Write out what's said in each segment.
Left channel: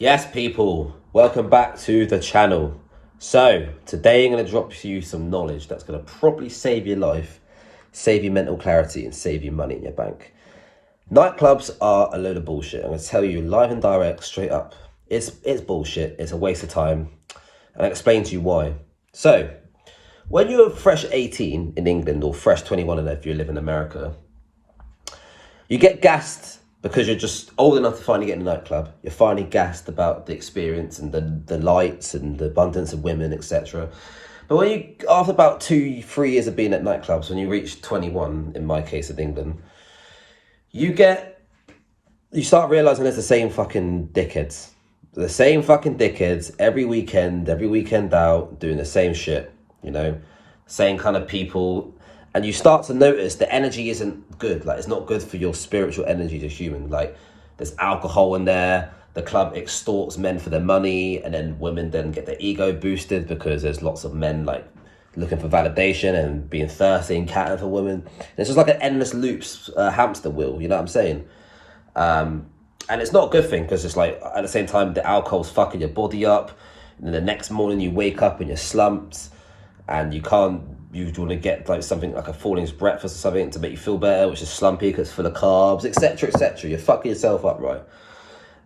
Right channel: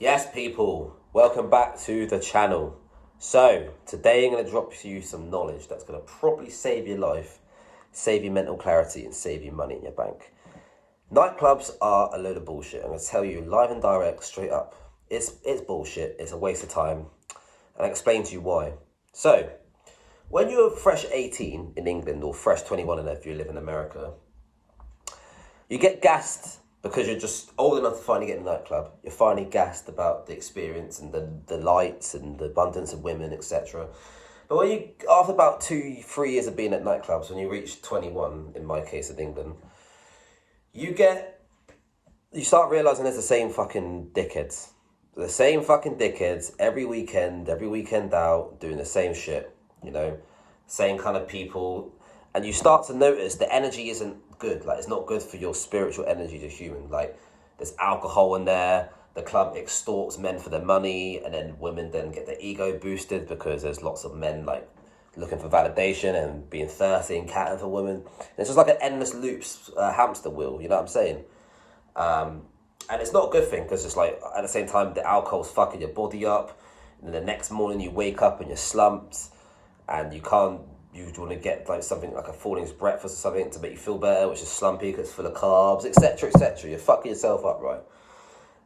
Yes, people, welcome back to the channel. So, today I'm going to drop you some knowledge that's going to probably save your life, save you mental clarity, and save you money in your bank. Nightclubs are a load of bullshit. I'm going to tell you live and direct, straight up. It's bullshit. It's a waste of time. And I'll explain to you why. So, when you're fresh 18 in England or fresh 21 if you live in America, you get gassed because you're just old enough to finally get in a nightclub. You're finally gassed about the experience and the lights and the abundance of women, etc. But when you, after about 2-3 years of being at nightclubs, when you reach 21, in my case in England, you start realizing there's the same fucking dickheads. The same fucking dickheads every weekend out, doing the same shit, same kind of people. And you start to notice the energy isn't good. Like, it's not good for your spiritual energy as a human. Like, there's alcohol in there. The club extorts men for their money, and then women then get their ego boosted because there's lots of men like looking for validation and being thirsty and catting for women. And it's just like an endless loops, hamster wheel. You know what I'm saying? And it's not a good thing because it's like at the same time the alcohol's fucking your body up, and then the next morning you wake up and you're slumped, and you want to get like something like a Falling's breakfast or something to make you feel better, which is slumpy because it's full of carbs, etc., etc. You're fucking yourself up, right?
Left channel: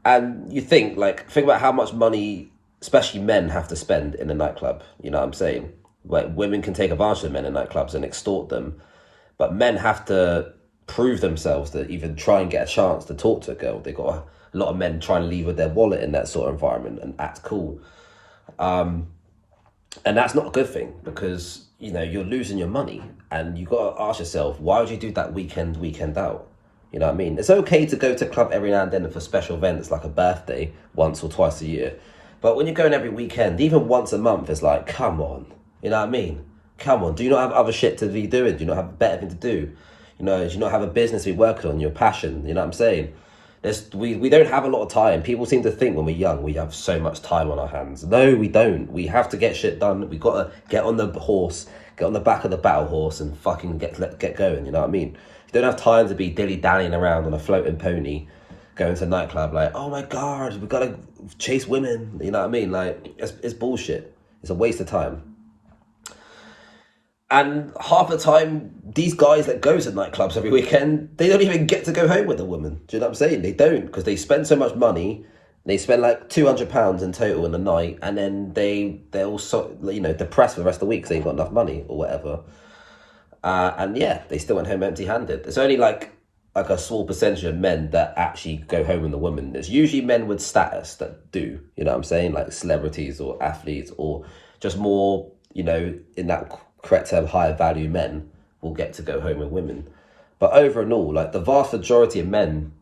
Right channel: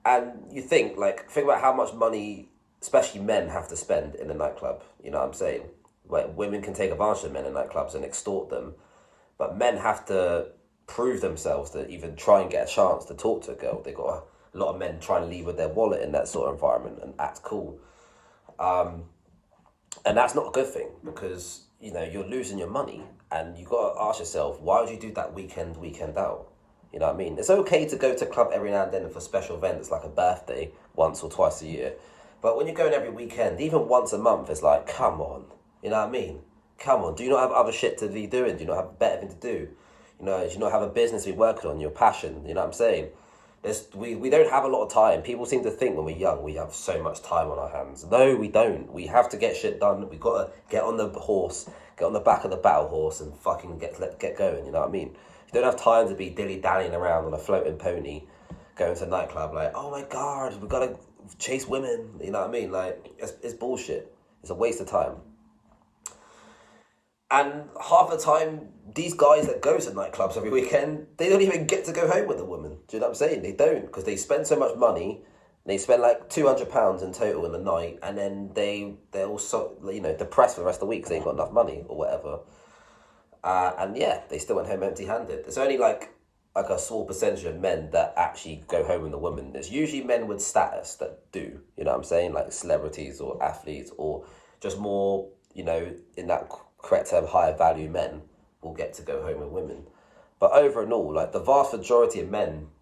And you think about how much money, especially men, have to spend in a nightclub. You know what I'm saying? Like, women can take advantage of men in nightclubs and extort them, but men have to prove themselves to even try and get a chance to talk to a girl. They got a lot of men trying to leave with their wallet in that sort of environment and act cool. And that's not a good thing because, you're losing your money, and you got to ask yourself, why would you do that weekend out? You know what I mean? It's okay to go to a club every now and then for special events like a birthday once or twice a year. But when you're going every weekend, even once a month, it's like, come on. You know what I mean? Come on. Do you not have other shit to be doing? Do you not have a better thing to do? Do you not have a business to be working on, your passion? You know what I'm saying? We don't have a lot of time. People seem to think when we're young we have so much time on our hands. No, we don't. We have to get shit done. We got to get on the horse, get on the back of the battle horse and fucking get going, you know what I mean? You don't have time to be dilly-dallying around on a floating pony, going to a nightclub like, oh my God, we got to chase women, you know what I mean? Like, it's bullshit. It's a waste of time. And half the time, these guys that go to nightclubs every weekend, they don't even get to go home with a woman. Do you know what I'm saying? They don't, because they spend so much money. They spend like £200 in total in a night, and then they're also, depressed for the rest of the week because they ain't got enough money or whatever. And yeah, they still went home empty-handed. It's only like a small percentage of men that actually go home with a woman. There's usually men with status that do, you know what I'm saying? Like celebrities or athletes or just more, in that correct term, higher value men will get to go home with women. But over and all, like the vast majority of men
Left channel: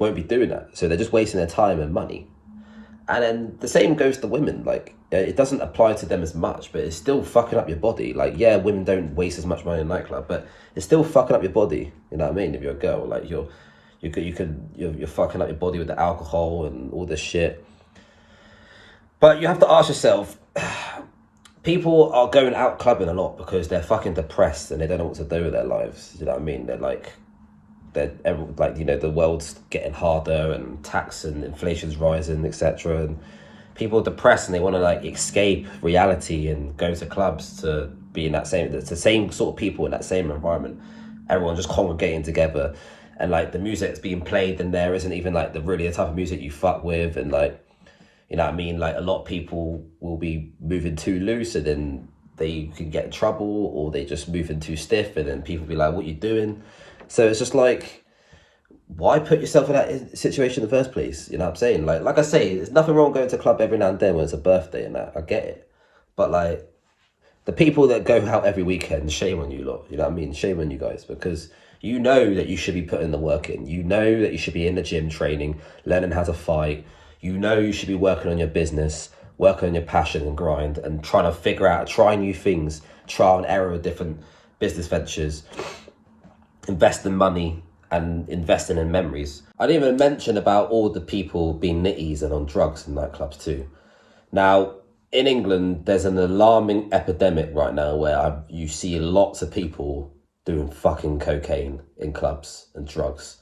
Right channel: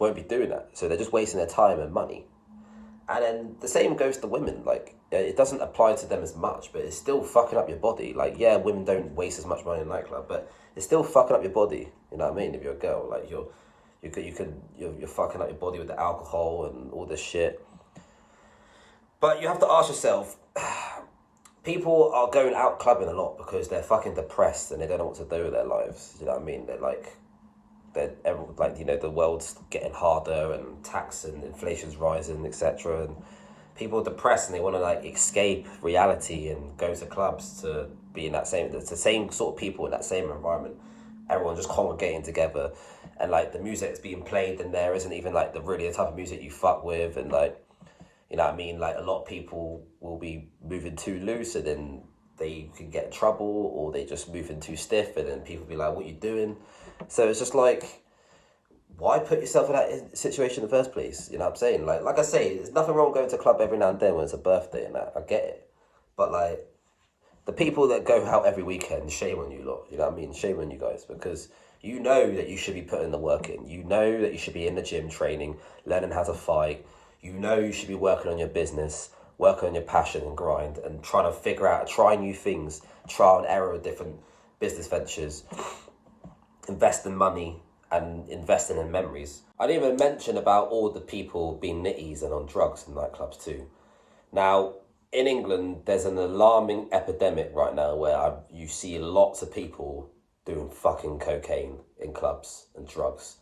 won't be doing that. So they're just wasting their time and money. And then the same goes to women. Like, it doesn't apply to them as much, but it's still fucking up your body. Like, yeah, women don't waste as much money in a nightclub, but it's still fucking up your body. You know what I mean? If you're a girl, like you're fucking up your body with the alcohol and all this shit. But you have to ask yourself, people are going out clubbing a lot because they're fucking depressed and they don't know what to do with their lives. You know what I mean? The world's getting harder and tax and inflation's rising, etc. And people are depressed and they want to escape reality and go to clubs to be in it's the same sort of people in that same environment. Everyone just congregating together, and the music that's being played in there isn't even the type of music you fuck with, and you know what I mean? Like, a lot of people will be moving too loose and then they can get in trouble, or they just moving too stiff and then people be like, what you doing? So it's just like, why put yourself in that situation in the first place? You know what I'm saying? Like I say, there's nothing wrong going to a club every now and then when it's a birthday and that. I get it. But the people that go out every weekend, shame on you lot. You know what I mean? Shame on you guys, because you know that you should be putting the work in. You know that you should be in the gym training, learning how to fight. You know you should be working on your business, working on your passion and grind, and trying to figure out, try new things, trial and error with different business ventures, investing money and investing in memories. I didn't even mention about all the people being nitties and on drugs in nightclubs too. Now, in England, there's an alarming epidemic right now where you see lots of people doing fucking cocaine in clubs and drugs.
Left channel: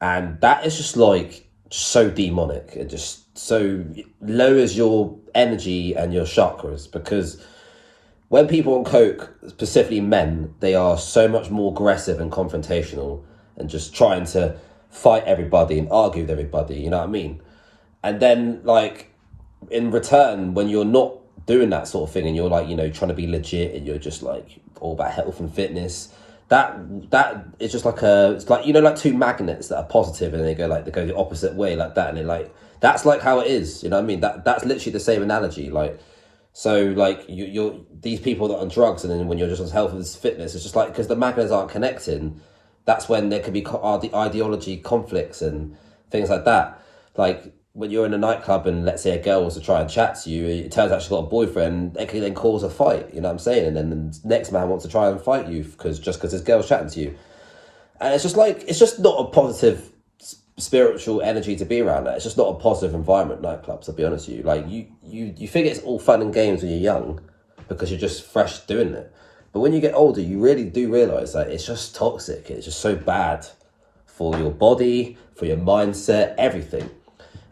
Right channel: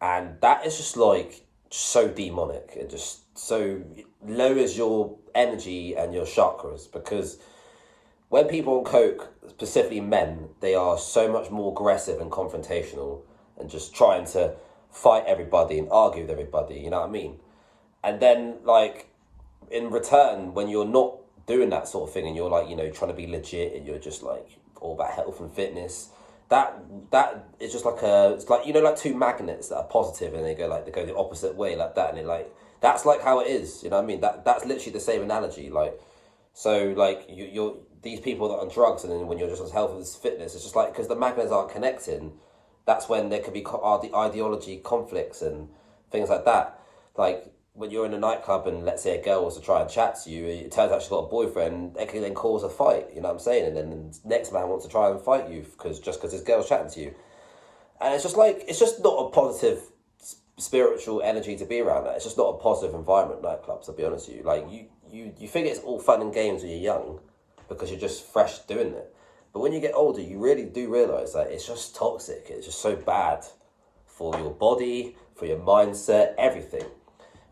And that is just so demonic. It just so lowers your energy and your chakras, because when people on coke, specifically men, they are so much more aggressive and confrontational and just trying to fight everybody and argue with everybody, you know what I mean? And then, like, in return, when you're not doing that sort of thing and you're like, you know, trying to be legit and you're just like all about health and fitness, that is just like it's like, you know, like two magnets that are positive and they go the opposite way like that, and it like, that's like how it is, you know what I mean? That's literally the same analogy. Like, so like you're these people that are on drugs, and then when you're just on health and fitness, it's just like, because the magnets aren't connecting, that's when there could be ideology conflicts and things like that. Like, when you're in a nightclub and let's say a girl wants to try and chat to you, it turns out she's got a boyfriend, it can then cause a fight, you know what I'm saying? And then the next man wants to try and fight you because this girl's chatting to you. And it's just like, it's just not a positive spiritual energy to be around that. It's just not a positive environment, nightclubs, I'll be honest with you. Like, you think it's all fun and games when you're young because you're just fresh doing it. But when you get older, you really do realise that it's just toxic. It's just so bad for your body, for your mindset, everything.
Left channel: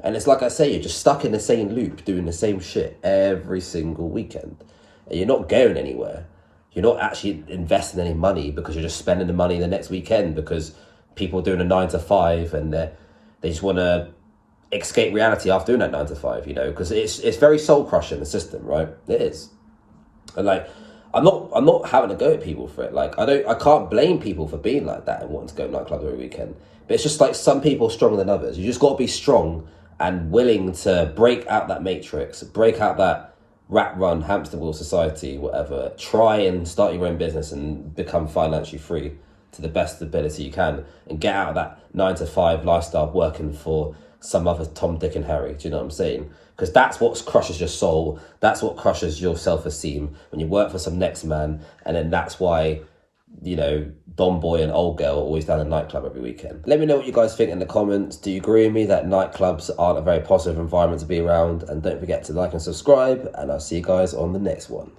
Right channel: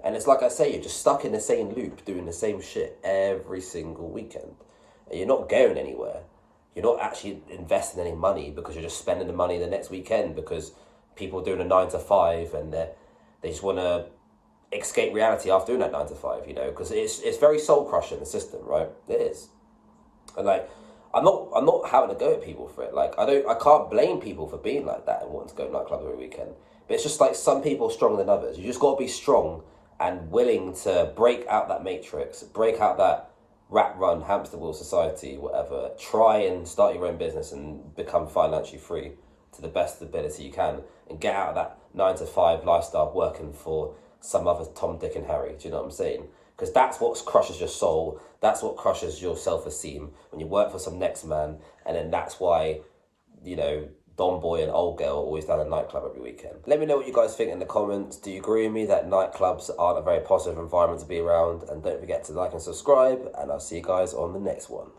And it's like I say, you're just stuck in the same loop, doing the same shit every single weekend. And you're not going anywhere. You're not actually investing any money because you're just spending the money the next weekend because people are doing a 9 to 5 and they just want to escape reality after doing that 9 to 5, you know, because it's very soul crushing, the system, right? It is. And like, I'm not having to go at people for it. Like, I can't blame people for being like that and wanting to go to nightclubs every weekend. But it's just like, some people are stronger than others. You just got to be strong and willing to break out that matrix, break out that rat run, hamster wheel society, whatever. Try and start your own business and become financially free to the best ability you can, and get out of that 9 to 5 lifestyle working for some other Tom, Dick and Harry. Do you know what I'm saying? Because that's what crushes your soul. That's what crushes your self-esteem, when you work for some next man. And then that's why, you know, Don Boy and Old Girl are always down a nightclub every weekend. Let me know what you guys think in the comments. Do you agree with me that nightclubs aren't a very positive environment to be around? And don't forget to like and subscribe, and I'll see you guys on the next one.